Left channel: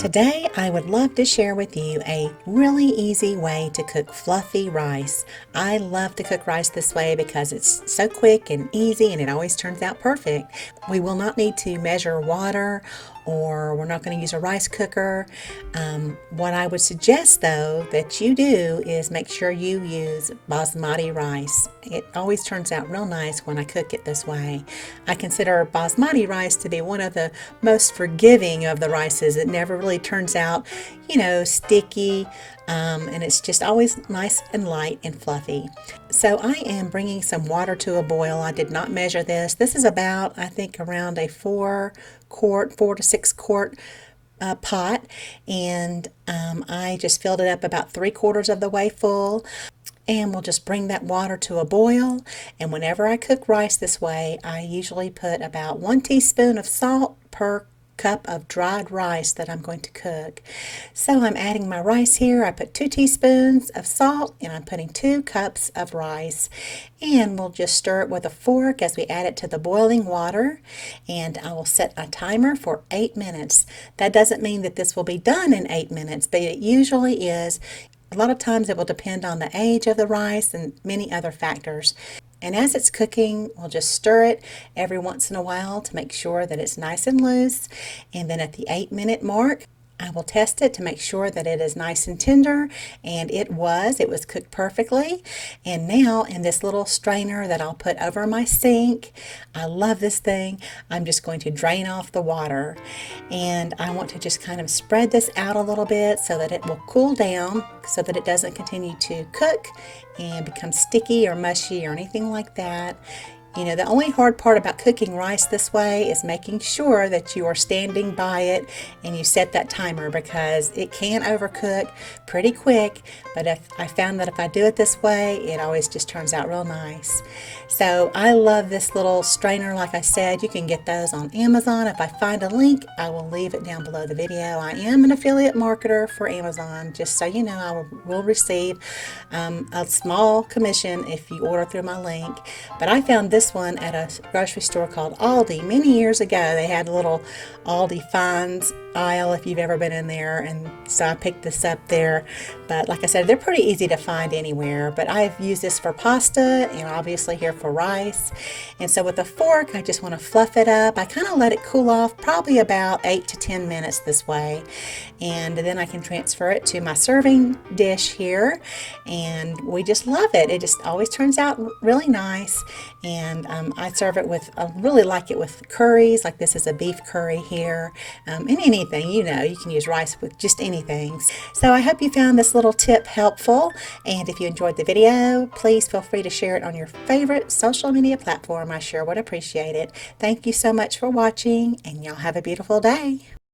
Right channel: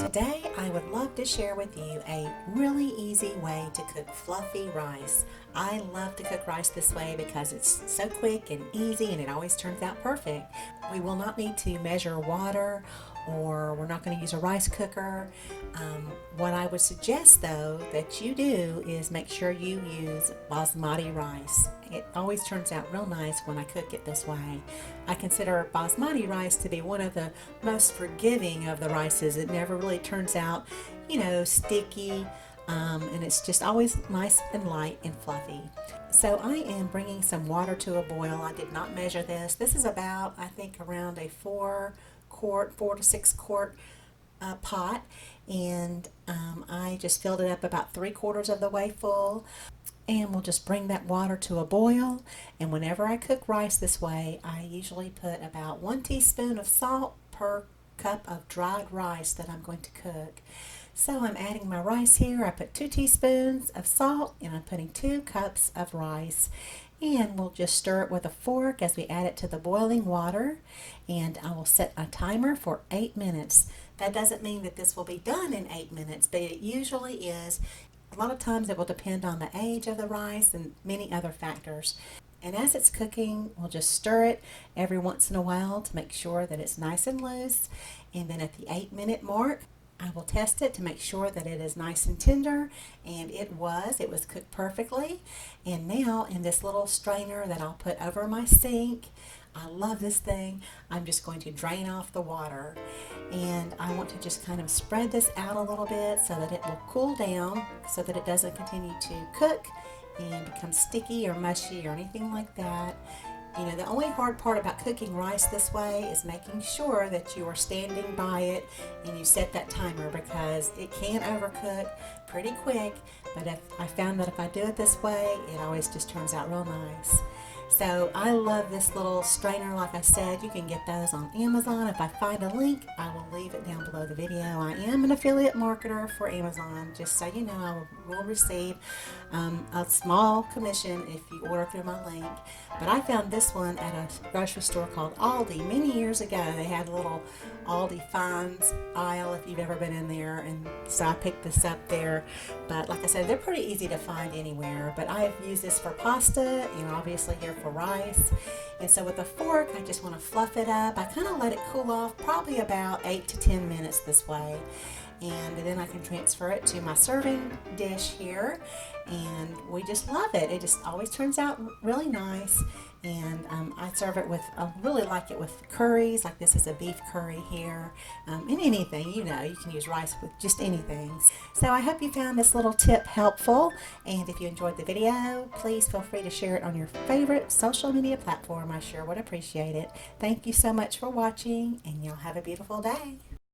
Today, I would love to share with you a really easy way to cook fluffy rice. I love to cook rice this way because it's so quick and easy and it always turns out perfect. We will not need to measure water or we're not going to use a rice cooker. What I would suggest though that you do is make sure you use basmati rice. It always turns out real nice when I cook it this way. I consider basmati rice to be one of the most forgiving of the rices. It never really turns out, sticky, and it's just always nice and light and fluffy. So I am bringing some water to a boil. I did not measure this. This is about, I think, around a 4 to 6 quart pot, and I just filled it up about 3/4 of the way full. And we'll just bring that water to a boil. And whenever I cook rice this way, I usually put about 1 teaspoon of salt per cup of dried rice that I'm going to cook. So I'm adding my rice here. I put 2 teaspoons of salt and I'm putting 2 cups of rice. And we'll just stir it with a fork as we add it to the boiling water. And I will set a timer for 8 minutes. That doesn't mean that this will be done in 8 minutes, but it usually is. A lot of times it will depend on the age of the rice and many other factors. And as it's cooking, we'll just stir it every once in a while to make sure that it's nice and loose. And then at the 8-minute mark, I will test it to make sure that it is nice and tender, and it was cooked perfectly. And now in this little strainer that I'll put over my sink, I love this thing, I'm just going to drain off the water. And I want to just kind of spread this out a little bit so that it will cool down so that it doesn't continue to cook and become sticky or mushy or anything like that. The only hard part about cooking rice this way is making sure that you are standing by it and you set that timer, because it can overcook pretty quick. But I found that if I do it this way, it always just turns out real nice. So I love this little strainer. Like I said, you can get those on Amazon. If I find a link, I will leave it down below the video. I am an affiliate marketer for Amazon, just so you know. I will receive a small commission if you order through my link. But I found this one at a grocery store called Aldi many years ago. They had a little Aldi finds aisle if you've ever been in there, and so I picked this up there. But like I said, they're pretty easy to find anywhere. But I've used this for pasta and obviously here for rice. And so with a fork, I just want to fluff it up. I kind of let it cool off probably about 8 to 10 minutes this way. And then I can transfer it to my serving dish here. And we just love it. It just always turns out really nice. And I serve it with, I really like it with curries. Like this is a beef curry here. And anything, you can use rice with just anything. So I hope you found this little tip helpful. And if you enjoyed the video, please feel free to share it on your favorite social media platform. I sure would appreciate it. Thank you so much for watching, and y'all have a beautiful day.